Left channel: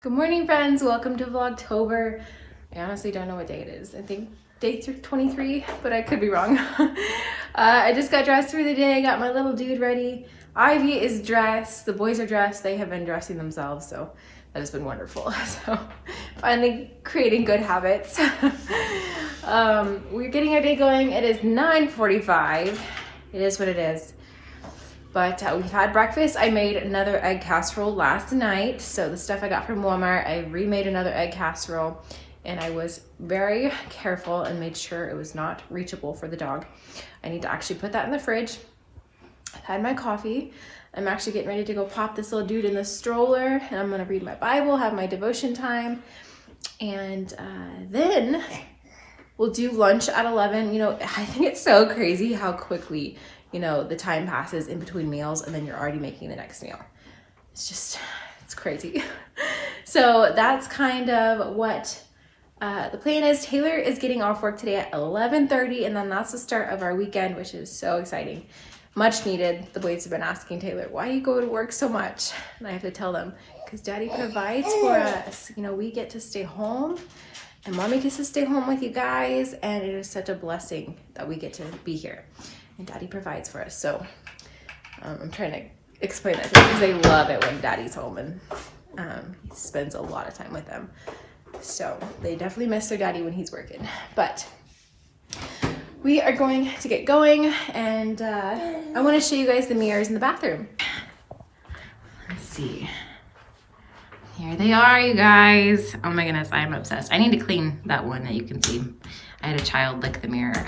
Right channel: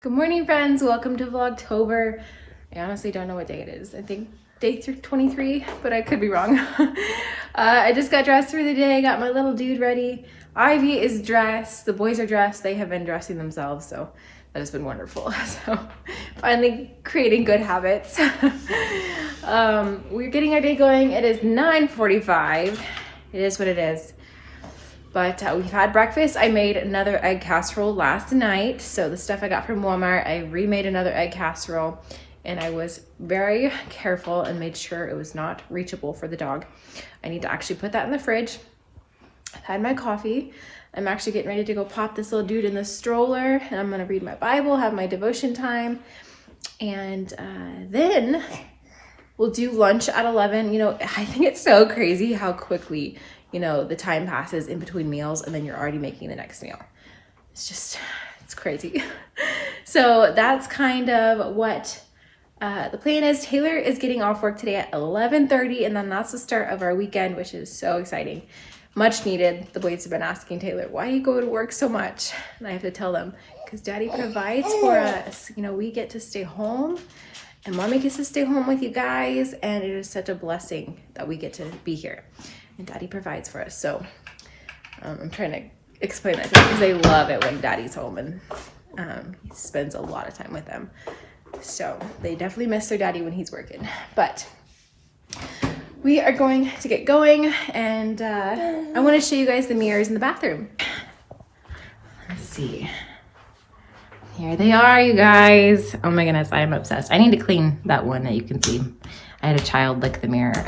Good morning, friends. Welcome to Vlogtober. I honestly don't know what day it is. I think day 23, but I could be wrong. I just got dressed for the day. Got my little dude ready. Ivy is dressed. The boys are dressed. They have been dressing themselves, so that has been wonderful. So finally creating good habits. We're getting our day going. It is 9:45. It is what it is. But we've had breakfast. I made another egg casserole last night. So the stuff I got from Walmart, I remade another egg casserole, and I was very careful and made sure it was not reachable for the dog. I need to actually put that in the fridge. I've had my coffee. I'm actually getting ready to go pop this little dude in the stroller, and I'm gonna read my Bible, have my devotion time, and then we'll do lunch at 11. You know, I think it's so crazy how quickly, you know, the time passes in between meals and then you're already making the next meal. It's crazy. So that's kind of what the plan is. Taylor is getting off work today at 11:30, and then that's the start of our weekend, which is so exciting. Much needed. The boys have been asking Taylor, why do you go to work so much? And I have to tell them, because Daddy provides for us. You know, we get to stay home, and Mommy gets to stay home with you guys, and it is such a blessing that we get to be here. And Daddy provides for us. So I'm trying to explain that because they love it when Daddy's home, and he spends a lot of time with them. So they definitely miss their daddy when he's working. But we are going to get going, and I want to show you guys the mirrors in the bathroom. Let's see. Here they are, you guys. Oh my goodness, I am obsessed. I need to clean that one that you can see. I had a child lick the mirror.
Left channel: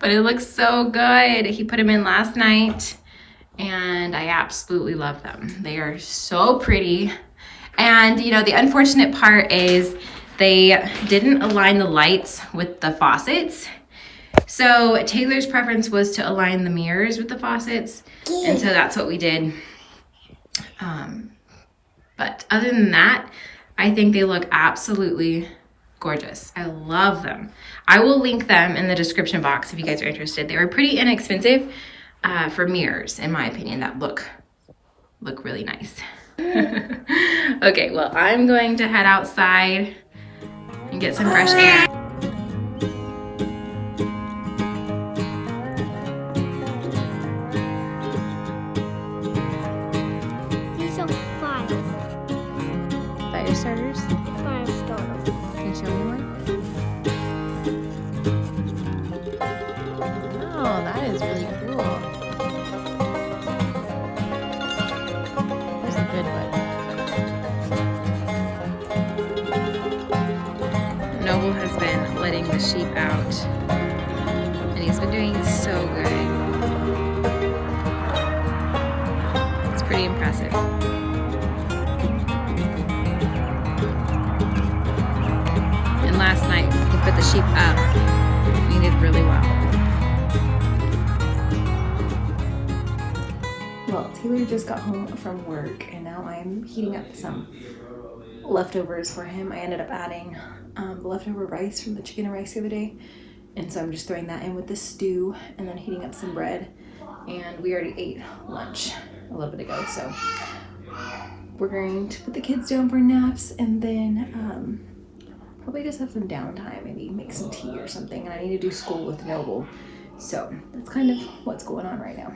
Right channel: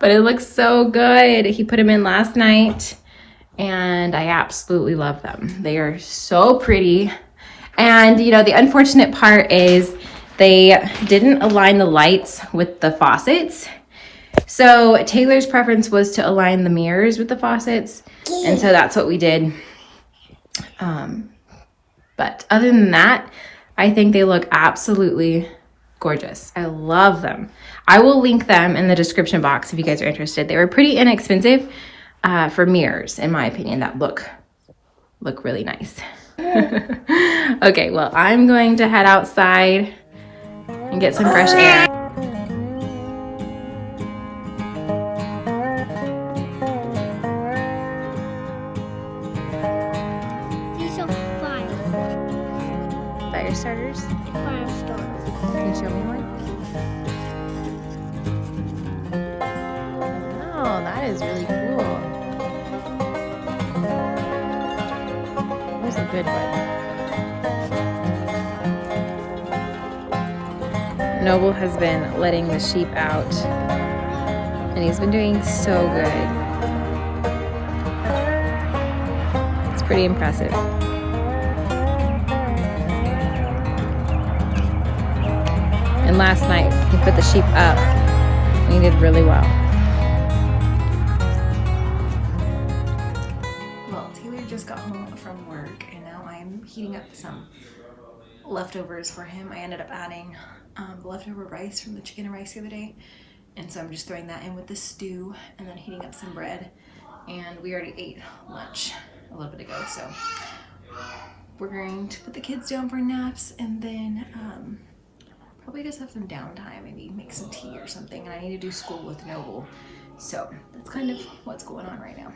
But it looks so good. He put them in last night, and I absolutely love them. They are so pretty. And you know, the unfortunate part is they didn't align the lights with the faucets. So Taylor's preference was to align the mirrors with the faucets, and so that's what we did. But other than that, I think they look absolutely gorgeous. I love them. I will link them in the description box if you guys are interested. They were pretty inexpensive for mirrors, in my opinion, that look really nice. Okay, well, I'm going to head outside and get some fresh air. These are fire Fire starters? starters. Can you show me one? Oh, that is really cool. That's a good one. Noble has been letting the sheep out, and he's been doing so good. It's pretty impressive. And last night, he put the sheep up, and he did really well. Well, Taylor just got home from work, and now I'm heating up some leftovers for him. I ended up adding the leftover rice from the chicken and rice the other day, and so I'm just throwing that in with the stew and then heating up some bread. And we already ate lunch a little bit ago, so we're going to put the kids down for naps, and then probably just have some downtime, maybe make some tea or something. And I need to do school with Noble, so that's kind of what's going on right now.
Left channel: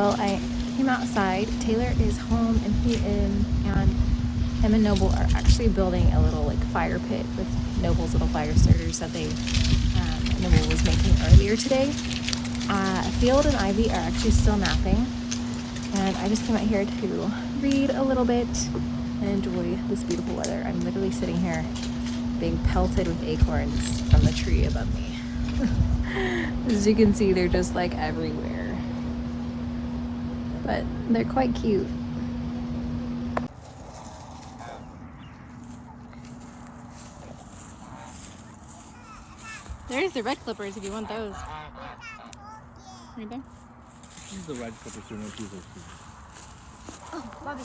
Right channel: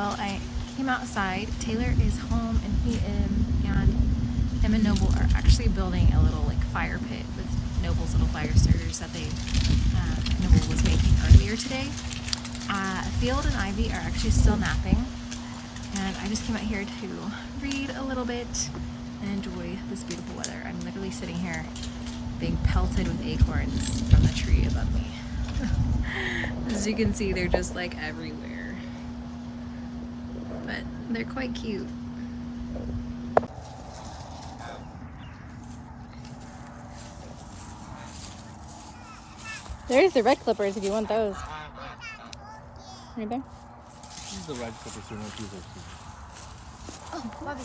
Well, I came outside. Taylor is home and him and Noble are actually building a little like fire pit with Noble's little fire starters that Noble was making earlier today. Field and Ivy are actually still napping, and I just came out here to read a little bit and enjoy this beautiful weather. I'm literally sitting here being pelted with acorns from the tree above me. As you can see, they're just like everywhere, but they're quite cute. There's the red clippers if you want those. Right there. These are the red clippers. Oh, mother,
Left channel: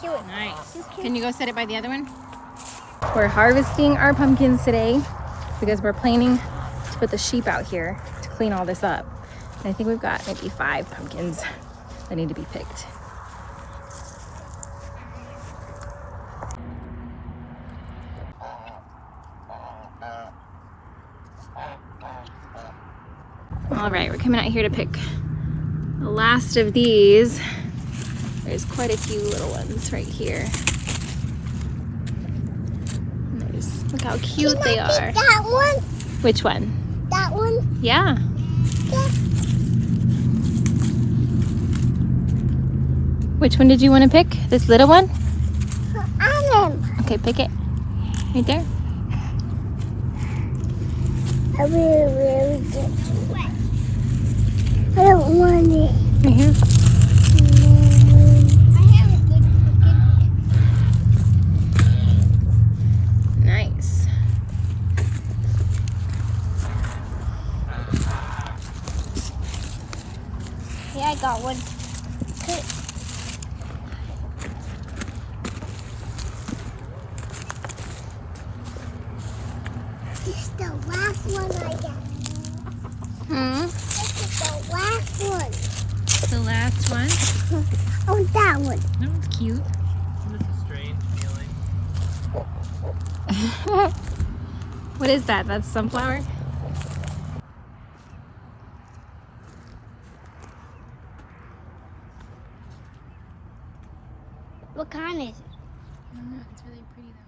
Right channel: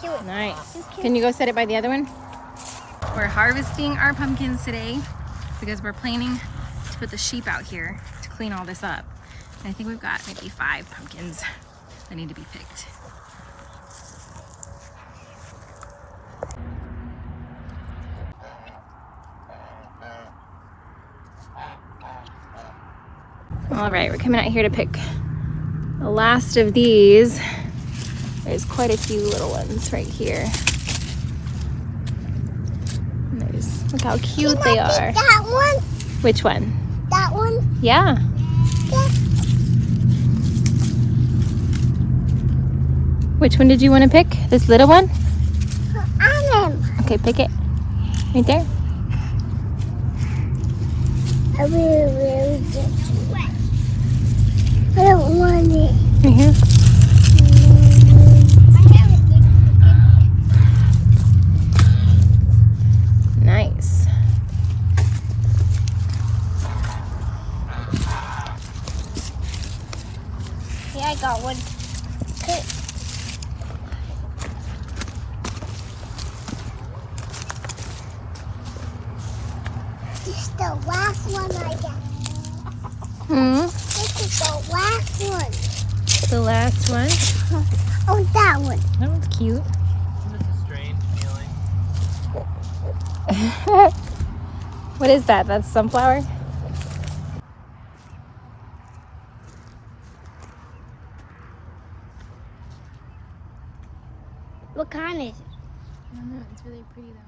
kill it. Nice. Can you go set it by the other one? We're harvesting our pumpkins today because we're planning to put the sheep out here to clean all this up. And I think we've got maybe 5 pumpkins that need to be picked. All right, we're coming out here to pick the last of these. There's quite a few little ones right here. Look how cute they are. That one? Which one? That one? Yeah. Which one did you want to pick? This little one? Okay, pick it. Right there. I really good. I don't want it. Right here. Nice. Yeah, I got one. Okay. This is the last one I get. This is the last one. The last one. Oh, that one. That one's cute. It's a strange feeling. What is that? That's sunflower? What kind is it? I don't know. It's really pretty though.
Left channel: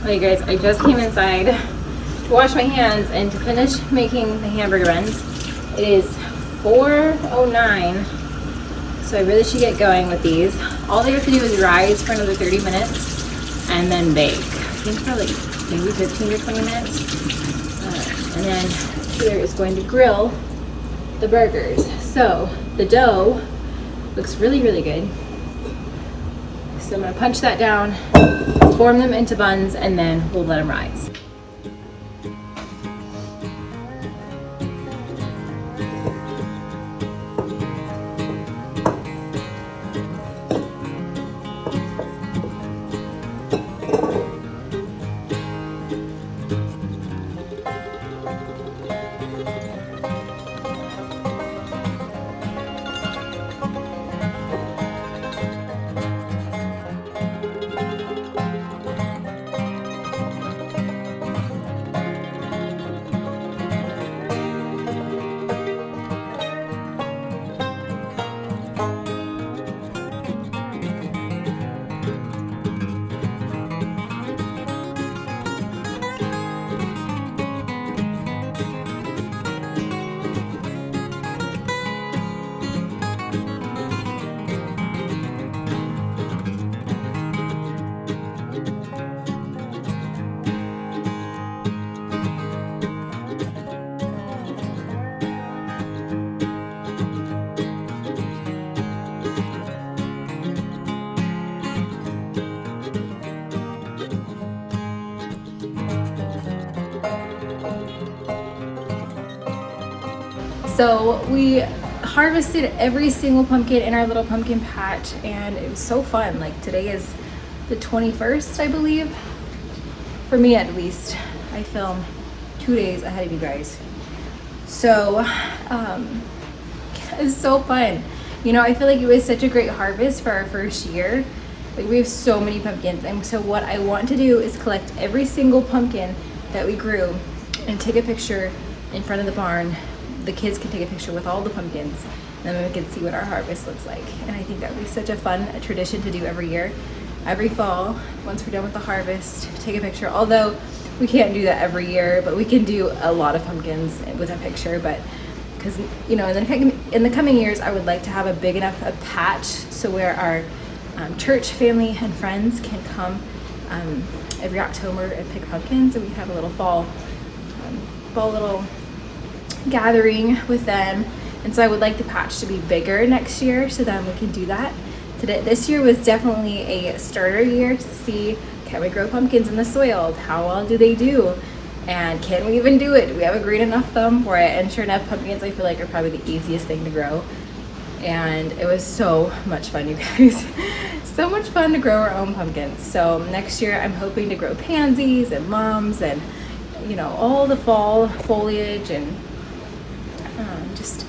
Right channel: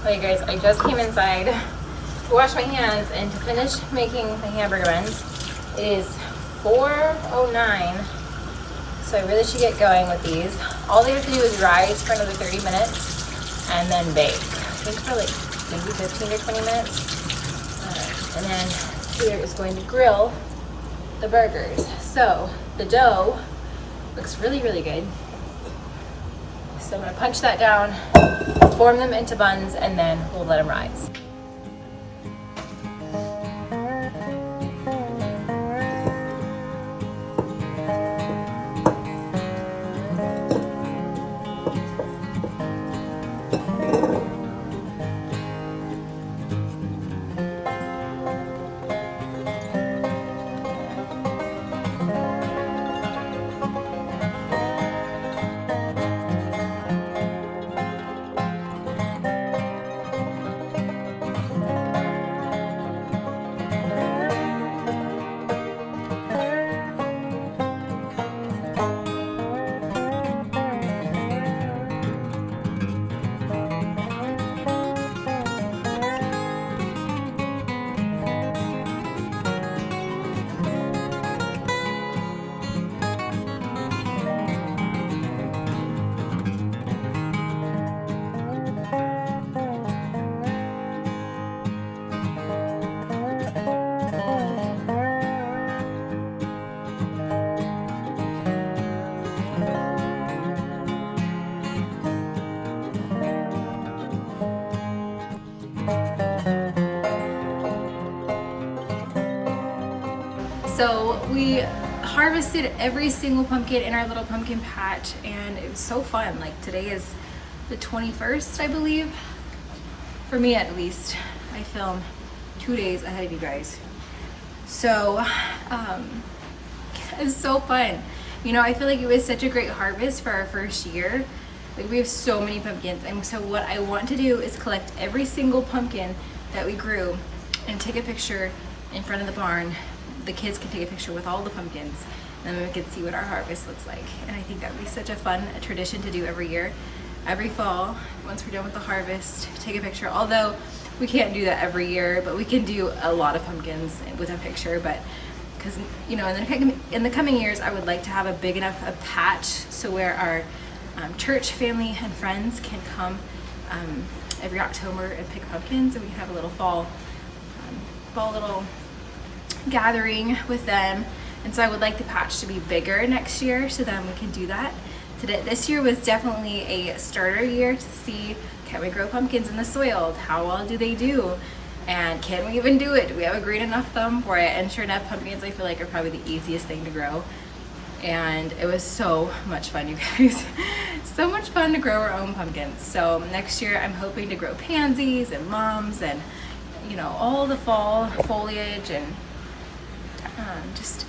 Okay guys, I just came inside to wash my hands and to finish making the hamburger buns. It is 4:09, so I really should get going with these. All they have to do is rise for another 30 minutes and then bake. I think for like maybe 15 or 20 minutes. And then Taylor is going to grill the burgers. So the dough looks really, really good. So I'm gonna punch that down, form them into buns, and then we'll let them rise. So we harvested every single pumpkin in our little pumpkin patch, and it was so fun. Like today is the 21st, I believe. For me at least. I film 2 days ahead of you guys. So it was so fun. You know, I feel like it was such a great harvest for our first year. Like we have so many pumpkins, and so what I want to do is collect every single pumpkin that we grew and take a picture in front of the barn the kids can take a picture with all the pumpkins, and then we can see what our harvest looks like. And I think that would be such a fun tradition to do every year. Every fall, once we're done with the harvest, take a picture. Although we can't do that every year, but we can do a lot of pumpkins with a picture. But because, you know, in the coming years, I would like to have a big enough patch so where our church family and friends can come every October and pick pumpkins, and we can have a little fall little gathering with them. And so I would like the patch to be bigger next year, so then we can do that. This year was definitely a starter year to see, can we grow pumpkins in the soil? How well do they do? And can we even do it? Do we have a green enough thumb for it? And sure enough, pumpkins I feel like are probably the easiest thing to grow. And it was so much fun, you guys. So much fun to grow our own pumpkins. So next year I'm hoping to grow pansies and mums and, you know, all the fall foliage, and just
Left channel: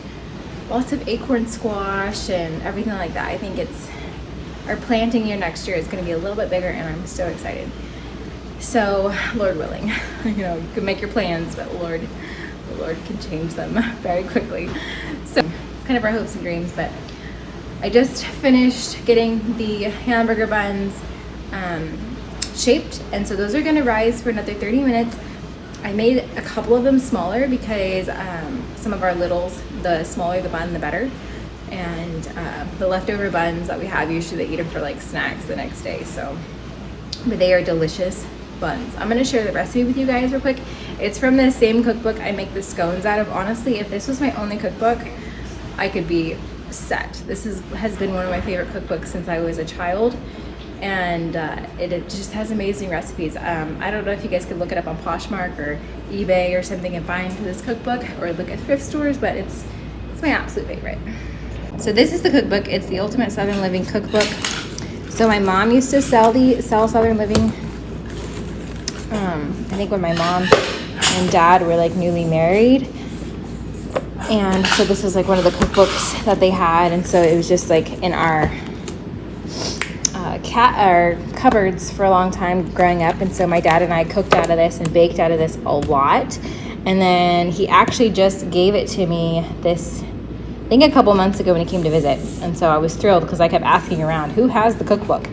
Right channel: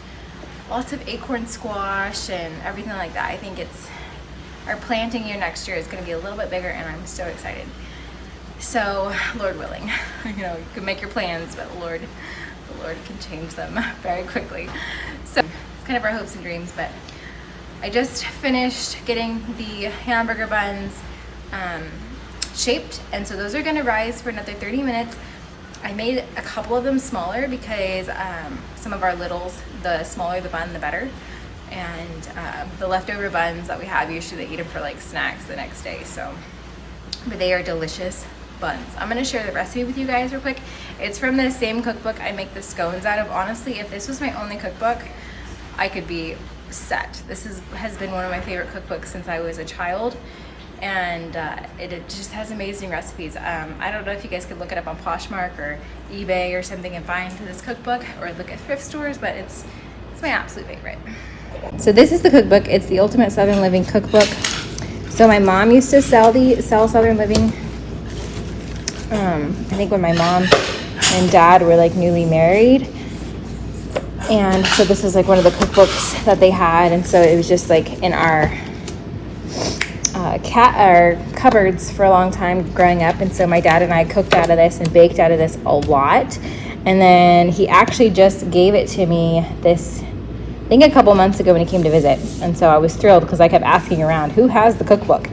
lots of acorn squash and everything like that. I think our planting year next year is going to be a little bit bigger, and I'm so excited. So Lord willing, you know, you can make your plans, but the Lord can change them very quickly. So it's kind of our hopes and dreams. But I just finished getting the hamburger buns shaped, and so those are going to rise for another 30 minutes. I made a couple of them smaller because some of our littles, the smaller the bun, the better. And the leftover buns that we have, usually they eat them for like snacks the next day. So, but they are delicious buns. I'm gonna share the recipe with you guys real quick. It's from the same cookbook I make the scones out of. Honestly, if this was my only cookbook, I could be set. This has been one of my favorite cookbooks since I was a child. And it just has amazing recipes. I don't know if you guys could look it up on Poshmark or eBay or something and find this cookbook, or look at thrift stores, but it's my absolute favorite. So this is the cookbook. It's the Ultimate Southern Living Cookbook. So my mom used to sell Southern Living. I think when my mom and dad were like newly married. And so this is like one of the cookbooks that they had. And so it was just like in our cupboards for a long time growing up. And so my dad and I cooked out of this and baked out of this a lot. And then he actually just gave it to me I think a couple months ago when he came to visit. And so I was thrilled because I kept asking around, who has the cookbook?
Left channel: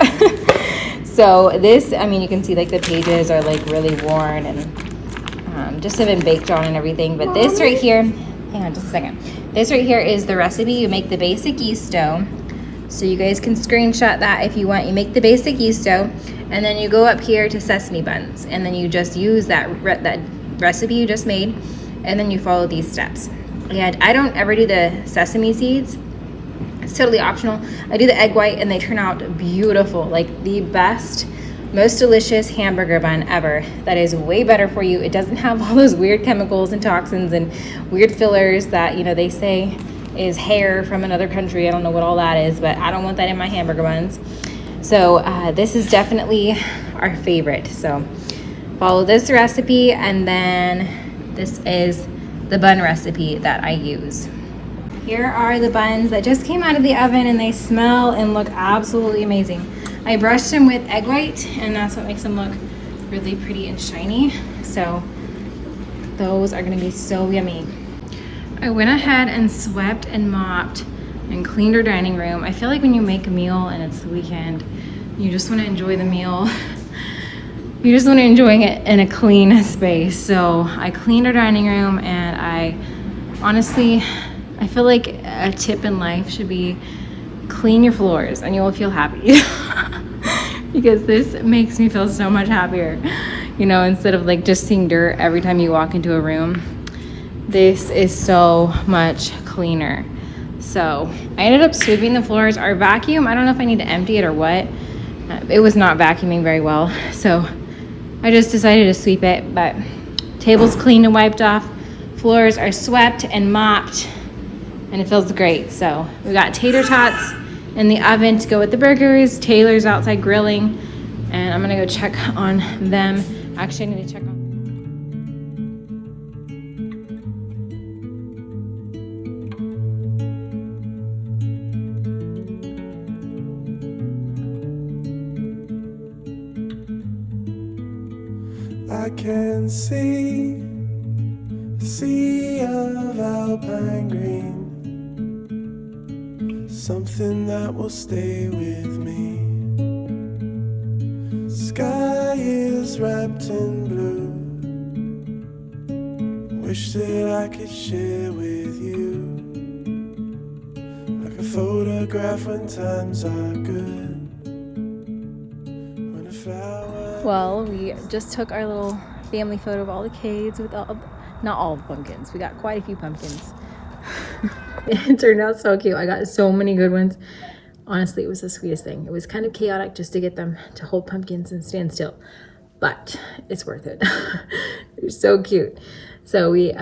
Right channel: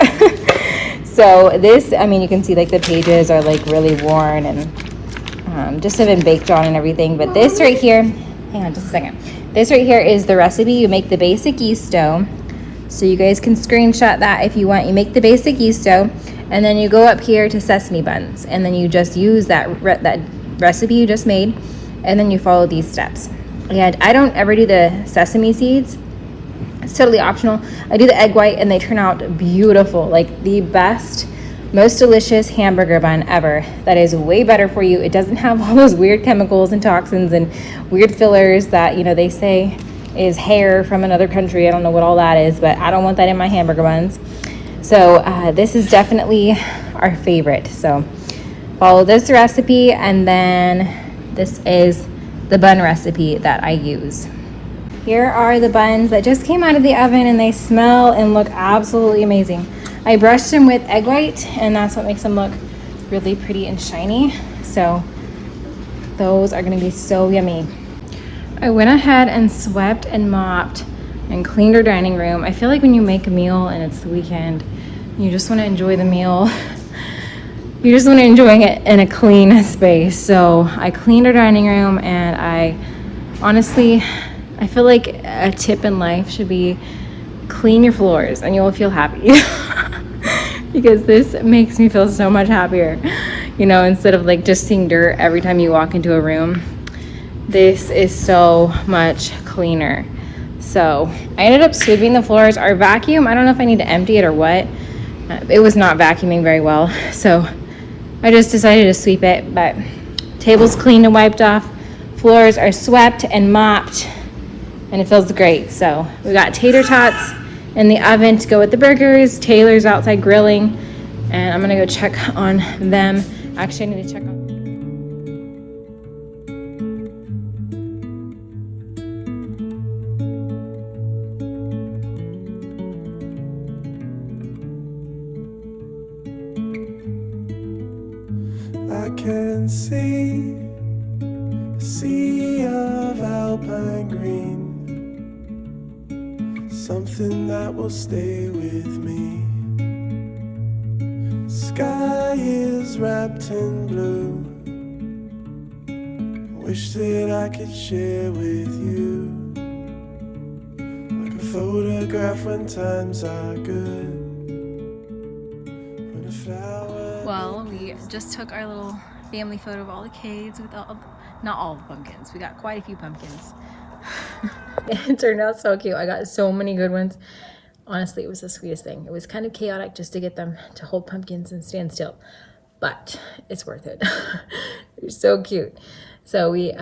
So this, I mean, you can see like the pages are like really worn and just been baked on and everything. But this right here, hang on just a second. This right here is the recipe. You make the basic yeast dough. So you guys can screenshot that if you want. You make the basic yeast dough, and then you go up here to sesame buns, and then you just use that recipe you just made, and then you follow these steps. And I don't ever do the sesame seeds. It's totally optional. I do the egg white, and they turn out beautiful. Like the best, most delicious hamburger bun ever. That is way better for you. It doesn't have all those weird chemicals and toxins and weird fillers that, you know, they say is hair from another country. I don't know what all that is, but I don't want that in my hamburger buns. So this is definitely our favorite. So follow this recipe, and then this is the bun recipe that I use. Here are the buns that just came out of the oven, and they smell and look absolutely amazing. I brushed them with egg white, and that's what makes them look really pretty and shiny. So those are gonna be so yummy. I went ahead and swept and mopped and cleaned our dining room. I feel like when you make a meal and it's the weekend, you just want to enjoy the meal. You just want to enjoy it in a clean space. So I cleaned our dining room, and I feel like a tip in life should be clean your floors and you'll feel happy. Because this makes me feel so much happier. You know, instead of like just seeing dirt every time you walk into a room. This is so much cleaner. So I ended up sweeping the floors. Our vacuum, I don't know if I need to empty it or what. It was not vacuuming very well. So I just decided to sweep it, but table's cleaned and wiped off. Floors are swept and mopped, and it feels great. So we got tater tots in the oven to go with the burgers. Taylor's outside grilling, and I'm gonna go check on them. Actually, I need to check on I can see a sea of alpine lime green, something that will stay with me. Sky is wrapped in blue, wish that I could share with you, like a photograph when times are good, when a flower. Well, we just took our little family photo of all the kids with not all the pumpkins. We got quite a few pumpkins. It turned out so cute. I got so many good ones. Honestly, it was the sweetest thing. It was kind of chaotic just to get them to hold pumpkins and stand still, but it's worth it. They're so cute. So we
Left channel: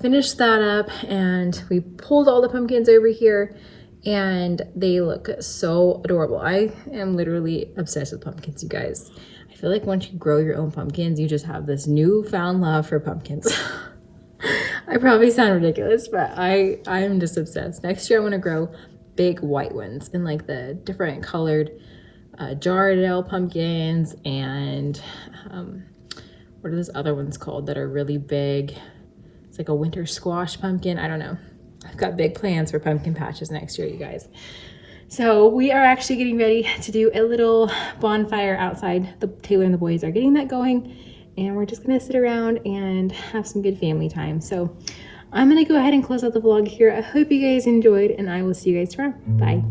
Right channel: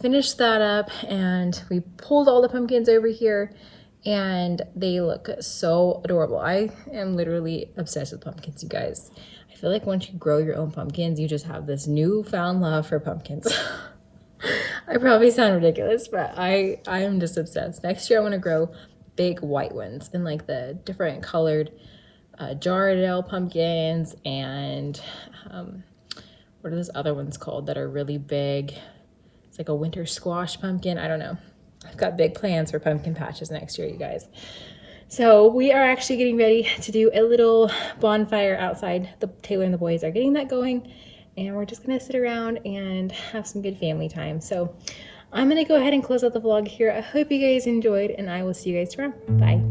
finished that up and we pulled all the pumpkins over here and they look so adorable. I am literally obsessed with pumpkins, you guys. I feel like once you grow your own pumpkins, you just have this newfound love for pumpkins. I probably sound ridiculous, but I am just obsessed. Next year I want to grow big white ones in like the different colored Jardel pumpkins and what are those other ones called that are really big? It's like a winter squash pumpkin. I don't know. I've got big plans for pumpkin patches next year, you guys. So we are actually getting ready to do a little bonfire outside. Taylor and the boys are getting that going and we're just gonna sit around and have some good family time. So I'm gonna go ahead and close out the vlog here. I hope you guys enjoyed and I will see you guys tomorrow. Bye.